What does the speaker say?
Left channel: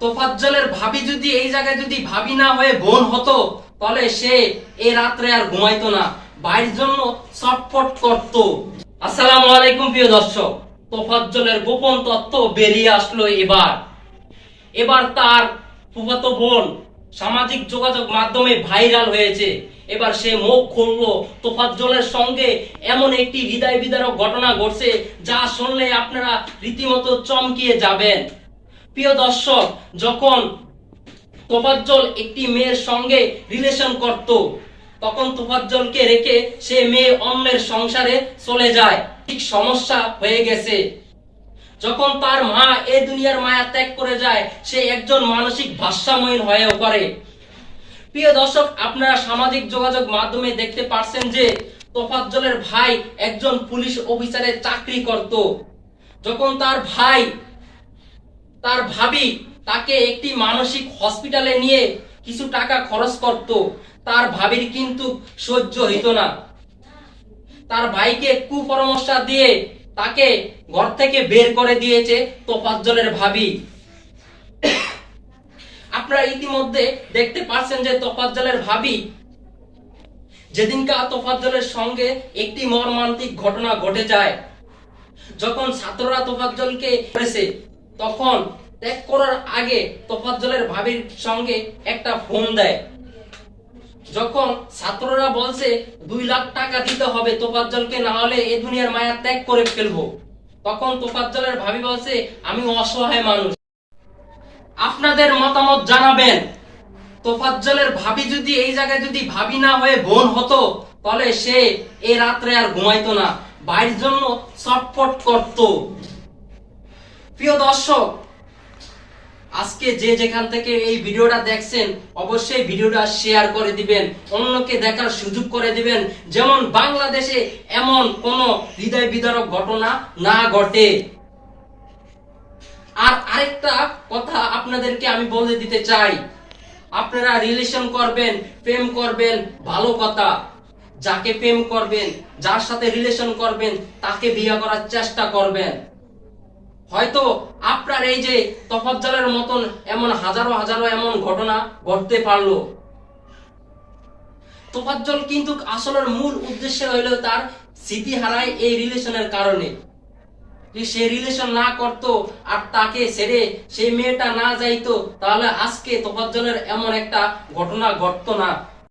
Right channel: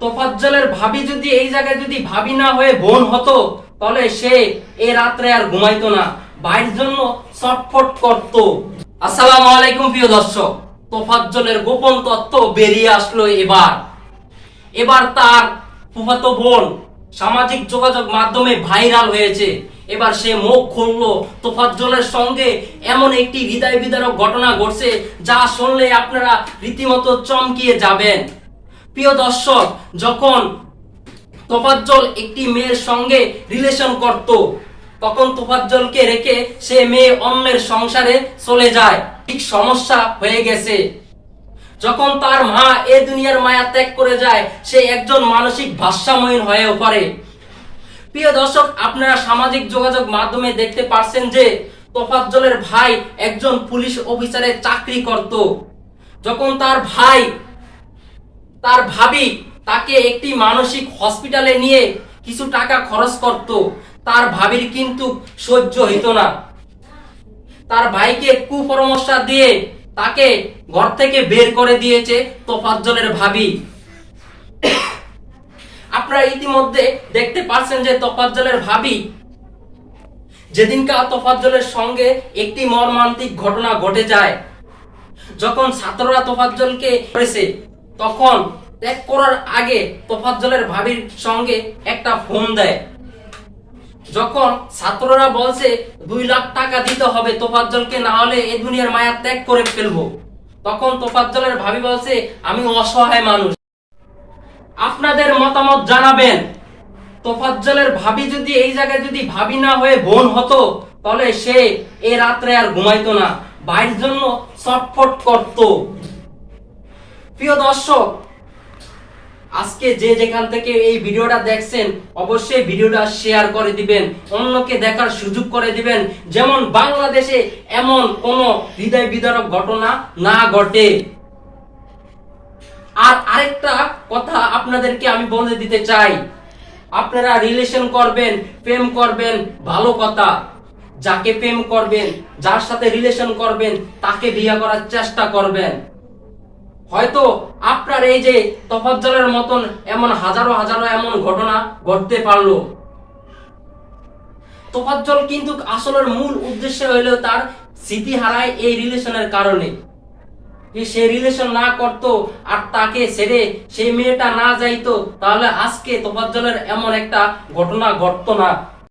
তোফাজ্জলের ভাবি যদি এই জায়গায় যদি ভাবি না হয়ে বোন হতো, তাহলে সে এ রাত্রে আর ঘুমাইতো না। ভাইয়ের জন্য ছটফট করত। আসসালামু আলাইকুম প্রিয় দর্শক। তোফাজ্জলের গোপন তথ্য বেরিয়ে আসলো এবার। এবার তার ফুফাতো বোন সামাজিক যোগাযোগ মাধ্যমে ভাইরাল হয়েছে। এবার সে মুখ খুললো তোফাজ্জলের সঙ্গে। এমন একটি হৃদয় বিদারক ঘটনা ঘটছে, যা শুনলে আপনারা রীতিমতো চমকিয়ে যাবেন। প্রিয় দর্শক, যখন তোফাজ্জল একটি মেয়ের সঙ্গে রিলেশন করত, তখন তোফাজ্জলকে রেখে সে মেয়ে অন্যের সংসারে চলে যায়। ঠিক সমস্যা হয়ে গেছে। যখন তার মা এ দুনিয়ার মায়া ত্যাগ করে যায়, সে একজন মানসিক ভারসাম্যহীন হয়েও পড়ে। প্রিয় দর্শক, আপনারা সামাজিক যোগাযোগ মাধ্যমে দেখতে পারছেন যে, তোফাজ্জলের ভাই একজন পুলিশ অফিসারের চাকরি করত। যখন তার ভাই তার ভাবি তাকে একটি মানসিক হসপিটালে নিয়ে কিছু টাকা খরচ করত। তার ভাবির কিন্তু সহ্য হইত না। তার ভাইকে কুপরামর্শ দিয়ে তাকে ঘর থেকে বের করে দিয়েছে তোফাজ্জলের ভাবি। আপনারা ইতিমধ্যে দেখতে পাচ্ছেন যে তোফাজ্জলের ভাবি যেদিনকা তোফাজ্জলের সঙ্গে একটি মর্মান্তিক ঘটনা ঘটে যায়, যখন ছাত্ররা তোফাজ্জলকে করেছে তখন ত্যাগ করার আগে তোফাজ্জলের ভাবির সঙ্গে একটা ফোন দেয়। যখন ছাত্ররা বলছে, দুই লাখ টাকা দিতে হবে তোফাজ্জলকে, না হলে এ দুনিয়ার মায়া ত্যাগ করে ফেলব। তখন তোফাজ্জলের ভাবি বলছে, আমি অসহায় মানুষ। আপনাদের মতামত জানাবেন। তোফাজ্জলের ভাবি যদি এই জায়গায় যদি ভাবি না হয়ে বোন হতো, তাহলে সে এ রাত্রে আর ঘুমাইতো না। ভাইয়ের জন্য ছটফট করত। প্রিয় দর্শক আজকে যে যেখান থেকে এই ভিডিওটা দেখছেন, অবশ্যই ভিডিওটা শেয়ার করে দিবেন, অন্যকে দেখার সুযোগ করে দিবেন। যেমন বাংলাদেশে এমন কোন হৃদয় বিদারক ঘটনা না ঘটে। আর আরেকটা কথা আপনাদেরকে আমি বলে দিতে চাই। আপনারা রিলেশন করবেন, প্রেম করবেন, ভালো কথা। যাকে প্রেম করবেন, যার সাথে রিলেশন করবেন, তাকে বিয়ে করার চেষ্টা করবেন। হয়তো আপনার এই যে তফাজ্জলের মতন এমন হাজারো হাজারো এমন ঘটনা ঘটতে পারল। তোফাজ্জল কিন্তু আসলের মূল উদ্দেশ্য হইল তার স্মৃতি হারায় এই রিলেশনের কারণে। সে রিলেশন না করত আর তাকে ছেড়ে সেই মেয়েটা না যাইতো, তাহলে আজকে তোফাজ্জলের এমন একটা ঘটনা ঘটতো না।